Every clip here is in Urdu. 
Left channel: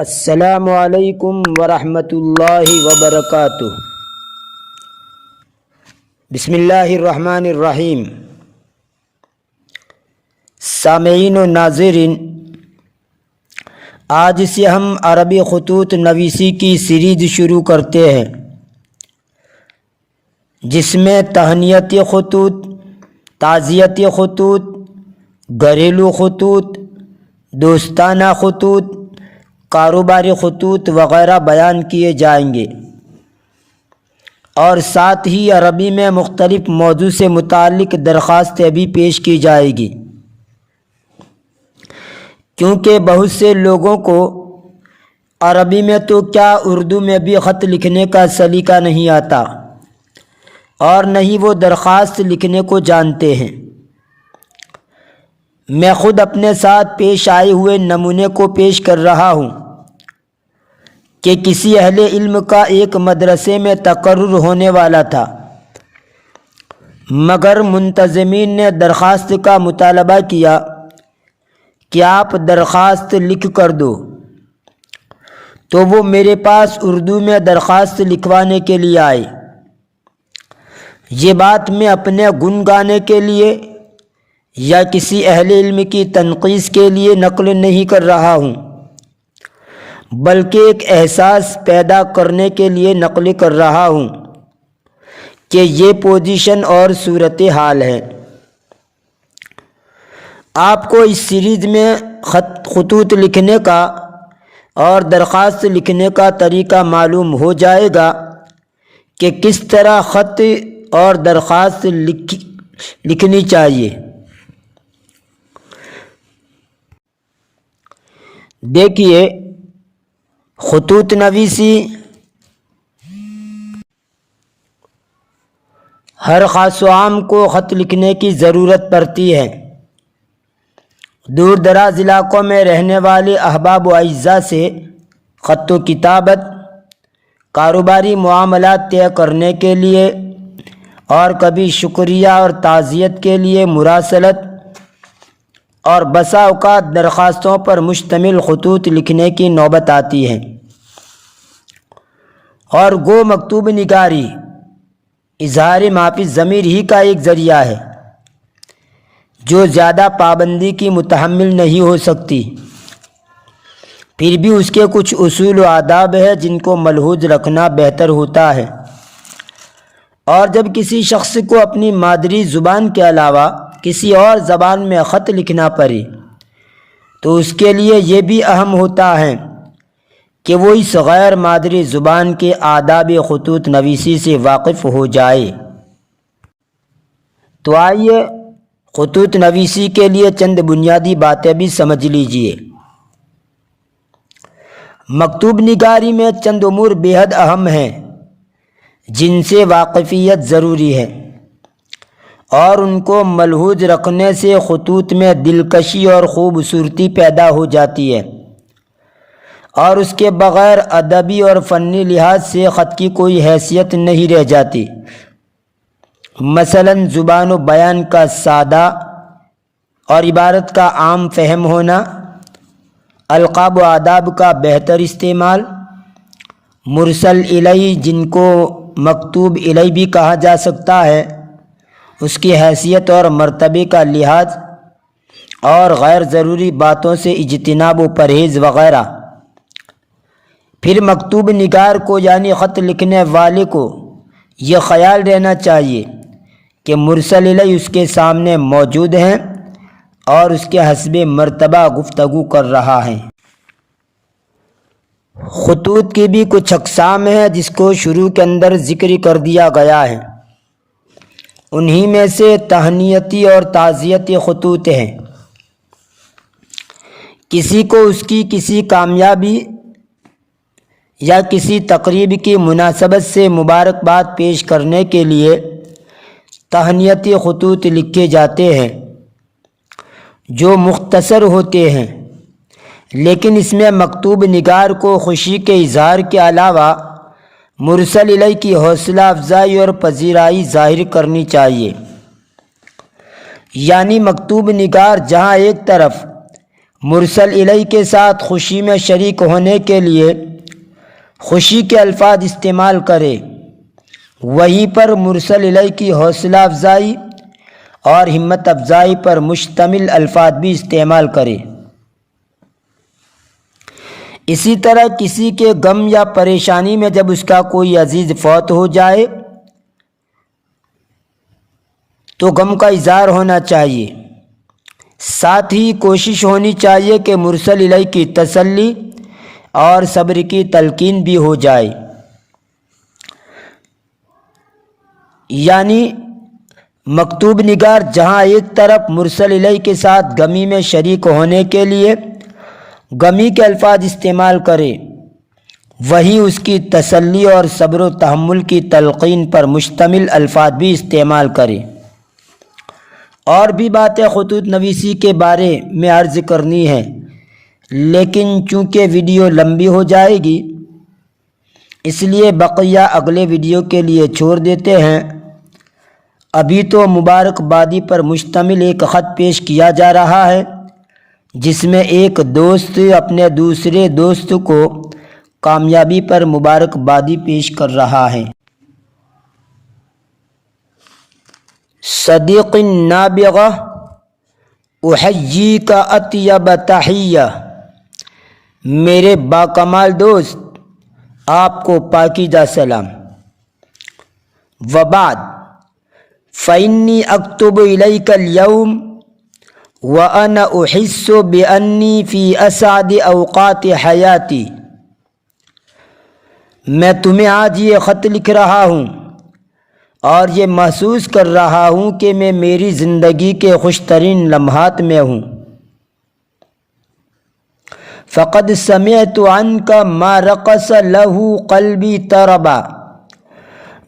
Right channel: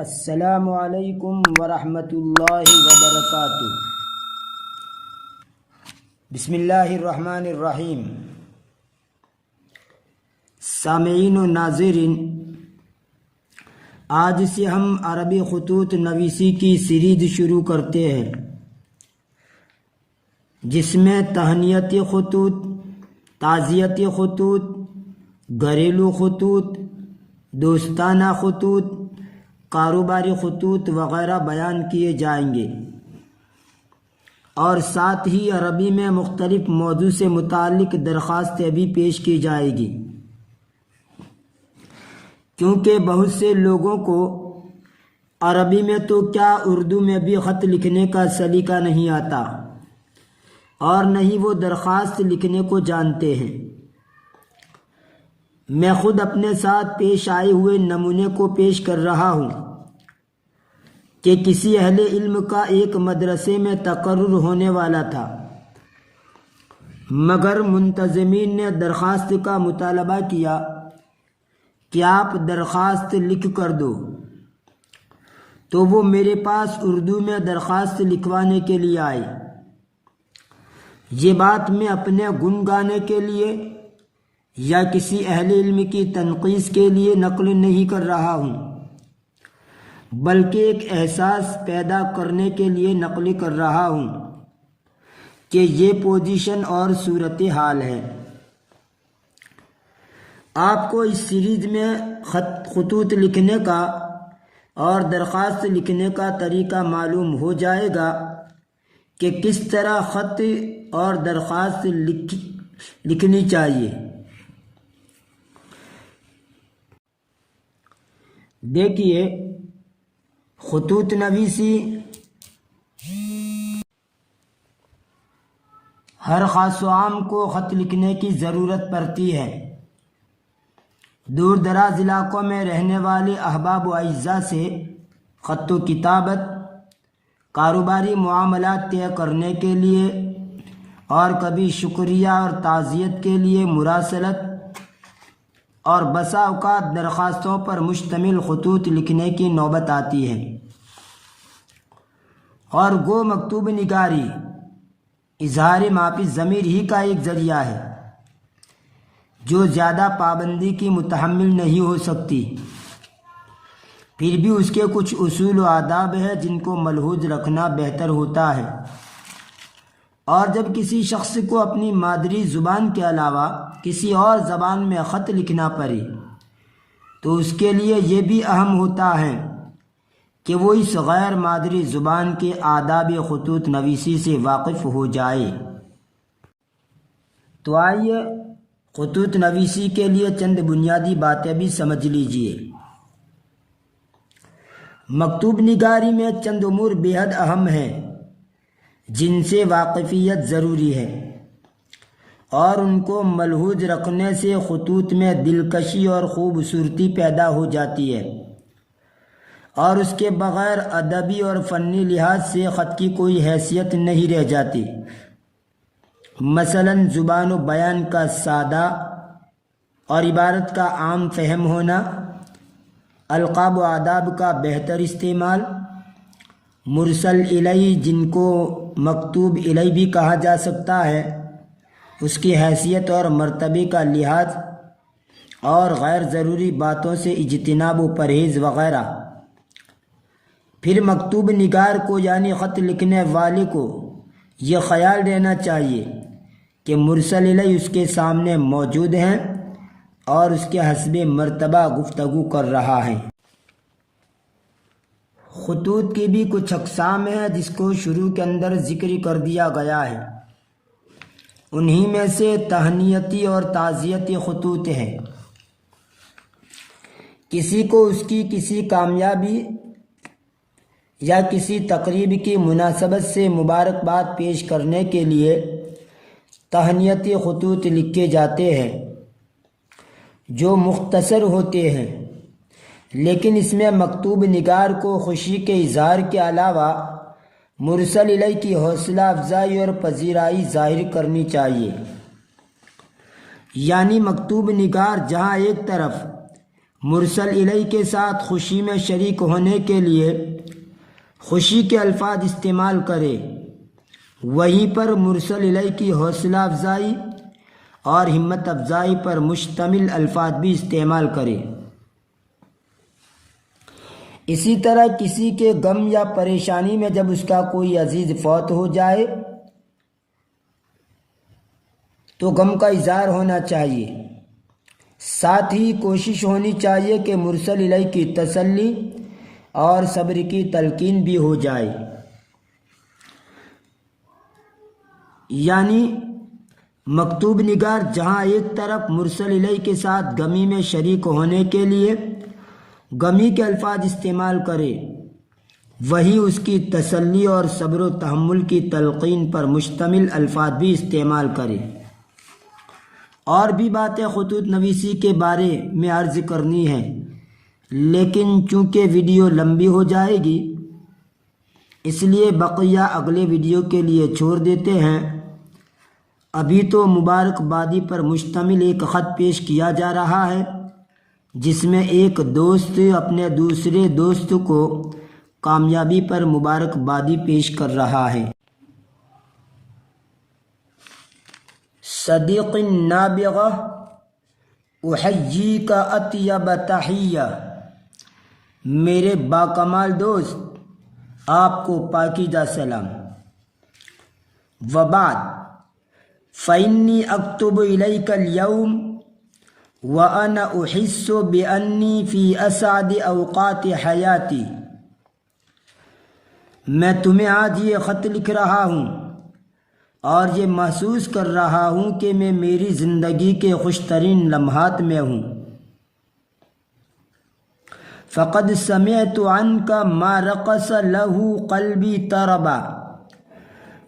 السلام علیکم ورحمۃ اللہ وبرکاتہ۔ بسم اللہ الرحمن الرحیم۔ سامعین و ناظرین، آج سے ہم عربی خطوط نویسی کی سیریز شروع کرتے ہیں، جس میں تہنیتی خطوط، تعزیتی خطوط، گھریلو خطوط، دوستانہ خطوط، کاروباری خطوط وغیرہ بیان کیے جائیں گے، اور ساتھ ہی عربی میں مختلف موضوع سے متعلق درخواستیں بھی پیش کی جائے گی، کیونکہ بہت سے لوگوں کو عربی میں تو کیا اردو میں بھی خط لکھنے کا سلیقہ نہیں آتا، اور نہ ہی وہ درخواست لکھنے کو جانتے ہیں۔ میں خود اپنے ساتھ پیش آئے ہوئے نمونے کو پیش کر رہا ہوں کہ کسی اہل علم کا ایک مدرسے میں تقرر ہونے والا تھا، مگر منتظمین نے درخواست کا مطالبہ کیا کہ آپ درخواست لکھ کر دو، تو وہ میرے پاس اردو میں درخواست لکھوانے کے لیے آئے۔ یہ بات میں اپنے گن گانے کے لیے یا کسی اہل علم کی تنقید کے لیے نقل نہیں کر رہا ہوں، بلکہ ایک احساس پیدا کرنے کے لیے نقل کر رہا ہوں کہ یہ پوزیشن اور صورتحال ہے۔ آپ کو اس سیریز میں خطوط لکھنے کا اور درخواست لکھنے کا طریقہ معلوم ہو جائے گا کہ کس طرح خط اور درخواست لکھنی چاہیے۔ دیکھیے، خطوط نویسی ہر خاص و عام کو خط لکھنے کی ضرورت پڑتی ہے۔ دور دراز علاقوں میں رہنے والے احباب و اعزاء سے خط و کتابت، کاروباری معاملات طے کرنے کے لیے، اور کبھی شکریہ اور تعزیت کے لیے مراسلت، اور بسا اوقات درخواستوں پر مشتمل خطوط لکھنے کی نوبت آتی ہے۔ اور گو مکتوب نگاری اظہار معافی ضمیر ہی کا ایک ذریعہ ہے، جو زیادہ پابندی کی متحمل نہیں ہو سکتی، پھر بھی اس کے کچھ اصول و آداب ہیں جن کو ملحوظ رکھنا بہتر ہوتا ہے۔ اور جب کسی شخص کو اپنی مادری زبان کے علاوہ کسی اور زبان میں خط لکھنا پڑے، تو اس کے لیے یہ بھی اہم ہوتا ہے کہ وہ اس غیر مادری زبان کے آداب خطوط نویسی سے واقف ہو جائے۔ تو آئیے خطوط نویسی کے لیے چند بنیادی باتیں بھی سمجھ لیجئے۔ مکتوب نگاری میں چند امور بے حد اہم ہیں جن سے واقفیت ضروری ہے، اور ان کو ملحوظ رکھنے سے خطوط میں دلکشی اور خوبصورتی پیدا ہو جاتی ہے، اور اس کے بغیر ادبی اور فنی لحاظ سے خط کی کوئی حیثیت نہیں رہ جاتی۔ مثلاً زبان و بیان کا سادہ اور عبارت کا عام فہم ہونا، القاب و آداب کا بہتر استعمال، مرسل الیہ جن کو مکتوب الیہ بھی کہا جا سکتا ہے، اس کی حیثیت اور مرتبے کا لحاظ، اور غیر ضروری باتوں سے اجتناب و پرہیز وغیرہ۔ پھر مکتوب نگار کو یعنی خط لکھنے والے کو یہ خیال رہنا چاہیے کہ مرسل الیہ اس کے سامنے موجود ہیں اور اس کے حسب مرتبہ گفتگو کر رہا ہے۔ خطوط کی بھی کچھ اقسام ہیں جس کو شروع کے اندر ذکر کر دیا گیا ہے، انہی میں سے تہنیتی اور تعزیتی خطوط ہیں۔ کسی کو اس کی کسی کامیابی یا کسی تقریب کی مناسبت سے مبارکباد پیش کرنے کے لیے تہنیتی خطوط لکھے جاتے ہیں، جو مختصر ہوتے ہیں، لیکن اس میں مکتوب نگار کو خوشی کے اظہار کے علاوہ مرسل الیہ کی حوصلہ افزائی اور پذیرائی ظاہر کرنی چاہیے۔ یعنی مکتوب نگار جہاں ایک طرف مرسل الیہ کے ساتھ خوشی میں شریک ہونے کے لیے خوشی کے الفاظ استعمال کرے، وہیں پر مرسل الیہ کی حوصلہ افزائی اور ہمت افزائی پر مشتمل الفاظ بھی استعمال کرے۔ اسی طرح کسی کے غم یا پریشانی میں جب اس کا کوئی عزیز فوت ہو جائے تو غم کا اظہار ہونا چاہیے، ساتھ ہی کوشش ہونی چاہیے کہ مرسل الیہ کی تسلی اور صبر کی تلقین بھی ہو جائے۔ یعنی مکتوب نگار جہاں ایک طرف مرسل الیہ کے ساتھ غمی میں شریک ہونے کے لیے غمی کے الفاظ استعمال کرے، وہیں اس کی تسلی اور صبر و تحمل کی تلقین پر مشتمل الفاظ بھی استعمال کرے۔ اور بھی باتیں خطوط نویسی کے بارے میں عرض کرنی ہے، لیکن چونکہ ویڈیو لمبی ہو جائے گی اس لیے بقیہ اگلے ویڈیو کے لیے چھوڑ دیتے ہیں۔ ابھی تو مبارکبادی پر مشتمل ایک خط پیش کیا جا رہا ہے، جس میں ایک دوست اپنے دوسرے دوست کو کامیابی پر مبارکبادی پیش کر رہا ہے۔ صدیق نابغہ احییک اطیب تحیہ، میرے باکمال دوست آپ کو پاکیزہ سلام۔ وبعد فإنی اکتب الیک اليوم وأنا أحس بأنی فی اسعد اوقات حیاتی، میں تمہیں آج یہ خط لکھ رہا ہوں اور یہ محسوس کر رہا ہوں کہ میں میری زندگی کے خوش ترین لمحات میں ہوں۔ فقد سمعت عنک ما رقص له قلبی طربا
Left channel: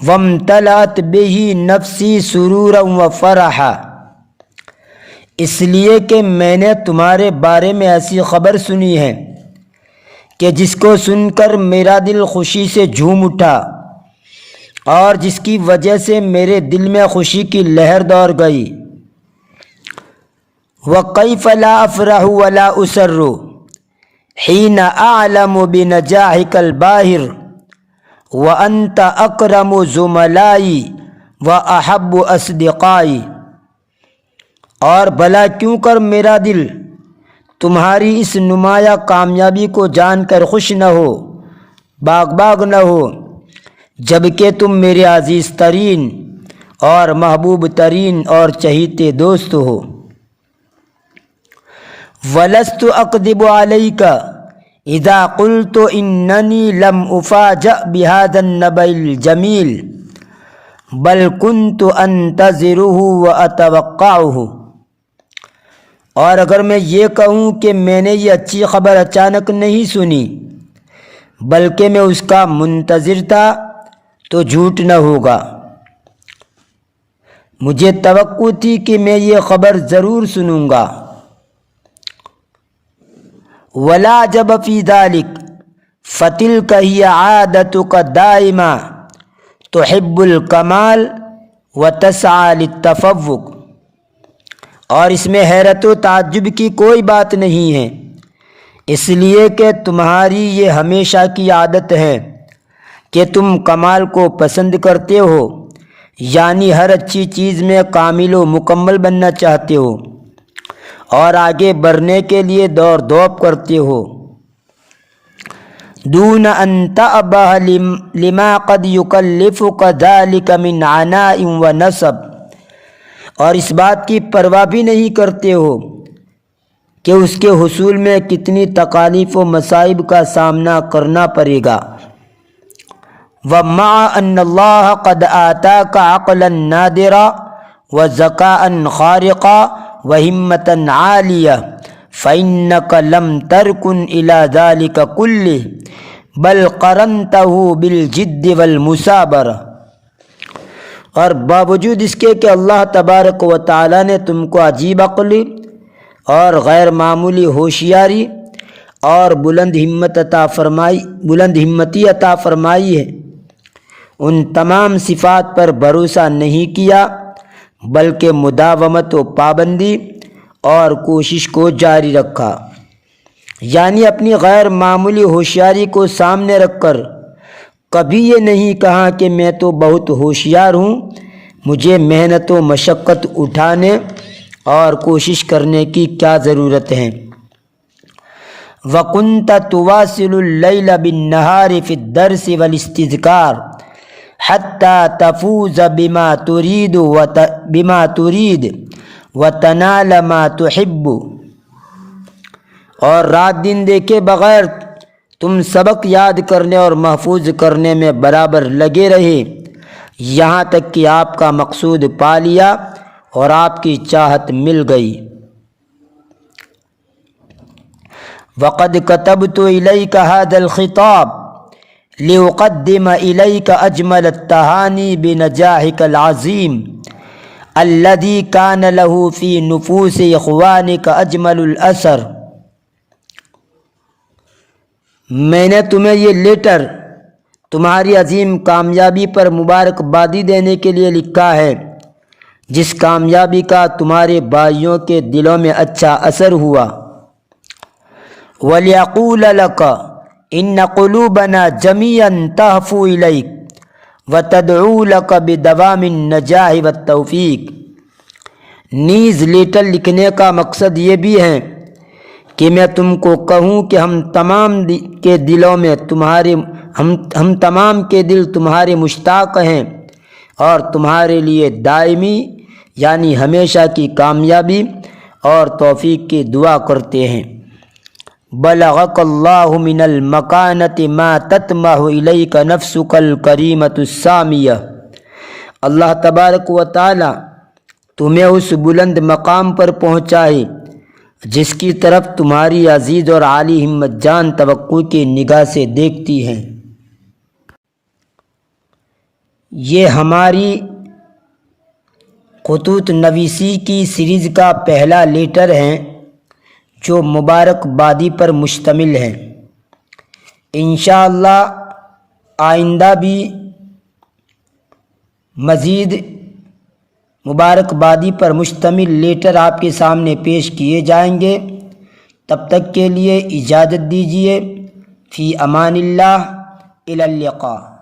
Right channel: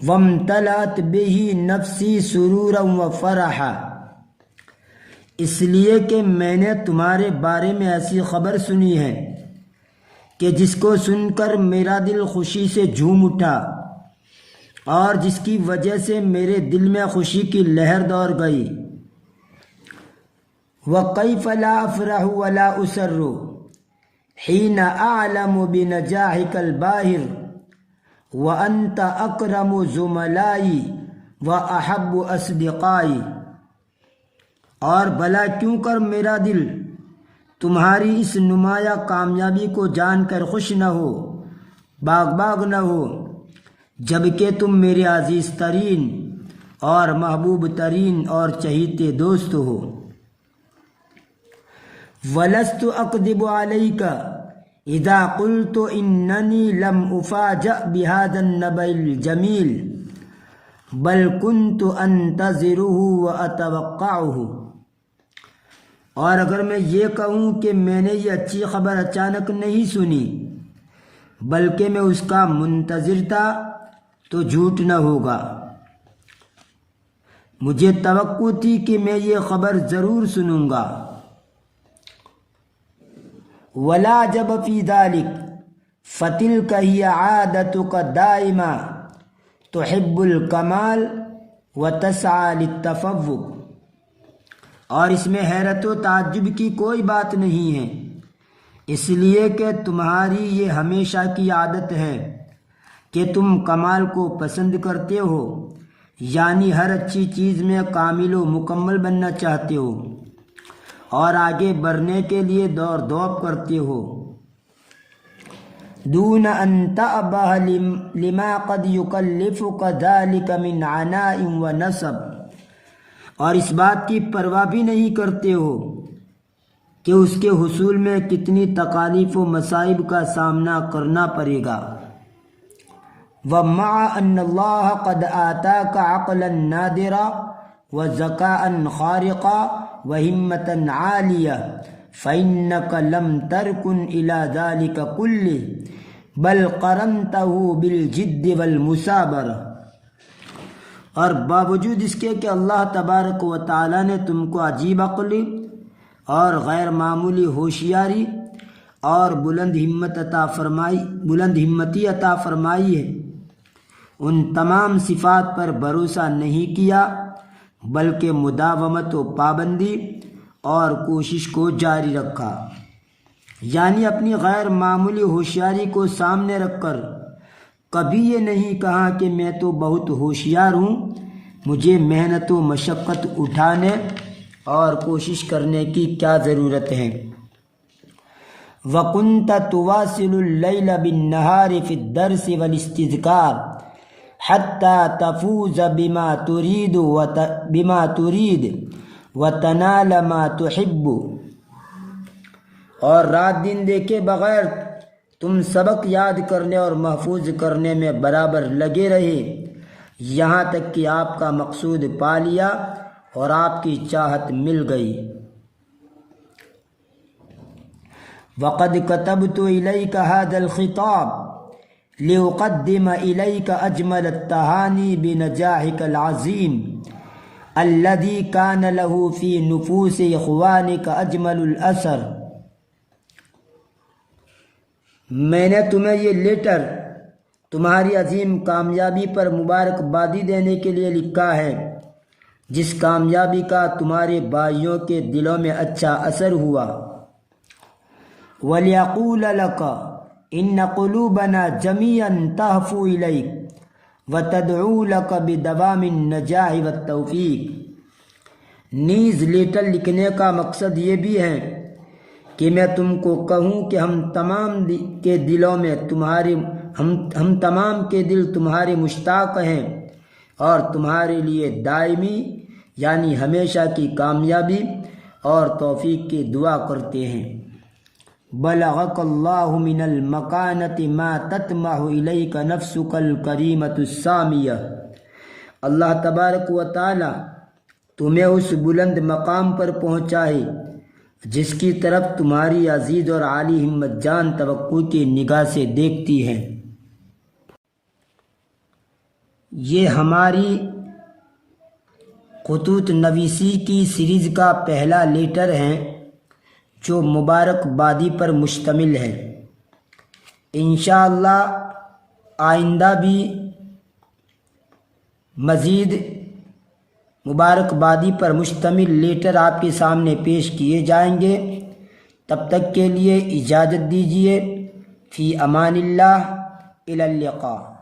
وامتلأت به نفسی سرورا وفرحا، اس لیے کہ میں نے تمہارے بارے میں ایسی خبر سنی ہے کہ جس کو سن کر میرا دل خوشی سے جھوم اٹھا اور جس کی وجہ سے میرے دل میں خوشی کی لہر دوڑ گئی۔ وَكَيْفَ لَا أَفْرَحُ وَلَا أُسَرُّ حِينَ أَعْلَمُ بِنَجَاحِكَ الْبَاهِرِ وَأَنْتَ أَكْرَمُ زُمَلَائِي وَأَحَبُّ أَصْدِقَائِي، اور بھلا کیوں کر میرا دل تمہاری اس نمایاں کامیابی کو جان کر خوش نہ ہو، باغ نہ ہو، جبکہ تم میرے عزیز ترین اور محبوب ترین اور چہیتے دوست ہو۔ وَلَسْتُ أَكْذِبُ عَلَيْكَ إِذَا قُلْتُ إِنَّنِي لَمْ أُفَاجَأْ بِهَذَا النَّبَإِ الْجَمِيلِ بَلْ كُنْتُ أَنْتَظِرُهُ وَأَتَوَقَّعُهُ، اور اگر میں یہ کہوں کہ میں نے یہ اچھی خبر اچانک نہیں سنی بلکہ میں اس کا منتظر تھا تو جھوٹ نہ ہوگا۔ مجھے توقع تھی کہ میں یہ خبر ضرور سنوں گا۔ ولا جب فی ذلک فتلک ہی عادتک دائما تحب الکمال وتسعی للتفوق، اور اس میں حیرت و تعجب کی کوئی بات نہیں ہے، اس لیے کہ تمہاری یہ ہمیشہ کی عادت ہے کہ تم کمال کو پسند کرتے ہو، یعنی ہر اچھی چیز میں کامل و مکمل بننا چاہتے ہو اور آگے بڑھنے کے لیے دوڑ دھوپ کرتے ہو۔ دون ان تأبہ لما قد یکلفک ذلک من عناء و نصب، اور اس بات کی پرواہ بھی نہیں کرتے ہو کہ اس کے حصول میں کتنی تکالیف و مصائب کا سامنا کرنا پڑے گا۔ ومع ان اللہ قد آتاک عقلا نادرا وذکاء خارقا وہمة عالیہ فإنک لم ترکن الی ذلک کلہ بل قرنتہ بالجد والمثابرہ، اور باوجود اس کے کہ اللہ تبارک و تعالیٰ نے تم کو عجیب عقلی اور غیر معمولی ہوشیاری اور بلند ہمتی عطا فرمائی ہے، ان تمام صفات پر بھروسہ نہیں کیا بلکہ مداومت و پابندی اور کوشش کو جاری رکھا۔ یعنی اپنی غیر معمولی ہوشیاری کو سامنے رکھ کر کبھی یہ نہیں کہا کہ میں تو بہت ہوشیار ہوں، مجھے محنت و مشقت اٹھانے اور کوشش کرنے کی کیا ضرورت ہے۔ وَكُنْتَ تُوَاصِلُ اللَّيْلَ بِالنَّهَارِ فِي الدَّرْسِ وَالِاسْتِذْكَارِ حَتَّى تَفُوزَ بِمَا تُرِيدُ وَتَنَالَ مَا تُحِبُّ۔ اور رات دن دیکھے بغیر تم سبق یاد کرنے اور محفوظ کرنے میں برابر لگے رہے، یہاں تک کہ آپ کا مقصود پا لیا اور آپ کی چاہت مل گئی۔ وَقَدْ كَتَبْتُ إِلَيْكَ هَذَا الْخِطَابَ لِأُقَدِّمَ إِلَيْكَ أَجْمَلَ التَّهَانِي بِنَجَاحِكَ الْعَظِيمِ الَّذِي كَانَ لَهُ فِي نُفُوسِ إِخْوَانِكَ أَجْمَلُ الْأَثَرِ۔ میں نے تمہیں یہ لیٹر تمہاری عظیم کامیابی پر مبارکبادی دینے کے لیے لکھا ہے، جس کامیابی کا تمہارے بھائیوں کے دلوں میں اچھا اثر ہوا۔ وَلِيَقُولَ لَكَ إِنَّ قُلُوبَنَا جَمِيعًا تَهْفُو إِلَيْكَ وَتَدْعُو لَكَ بِدَوَامِ النَّجَاحِ وَالتَّوْفِيقِ۔ نیز لیٹر لکھنے کا مقصد یہ بھی ہے کہ میں تم کو کہوں کہ ہم تمام کے دل تمہارے مشتاق ہیں اور تمہارے لیے دائمی یعنی ہمیشہ کی کامیابی اور توفیق کی دعا کرتے ہیں۔ بلغک اللہ من المکانۃ ما تطمح الیک نفسک الکریمۃ السامیہ۔ اللہ تبارک و تعالی تمہیں اس بلند مقام پر پہنچائے جس کی طرف تمہاری عزیز اور عالی ہمت جان توقع کی نگاہ سے دیکھتی ہیں۔ یہ ہماری خطوط نویسی کی سیریز کا پہلا لیٹر ہے جو مبارکبادی پر مشتمل ہے۔ انشاءاللہ آئندہ بھی مزید مبارکبادی پر مشتمل لیٹر آپ کے سامنے پیش کیے جائیں گے۔ تب تک کے لیے اجازت دیجیے۔ فی امان اللہ، الی اللقاء۔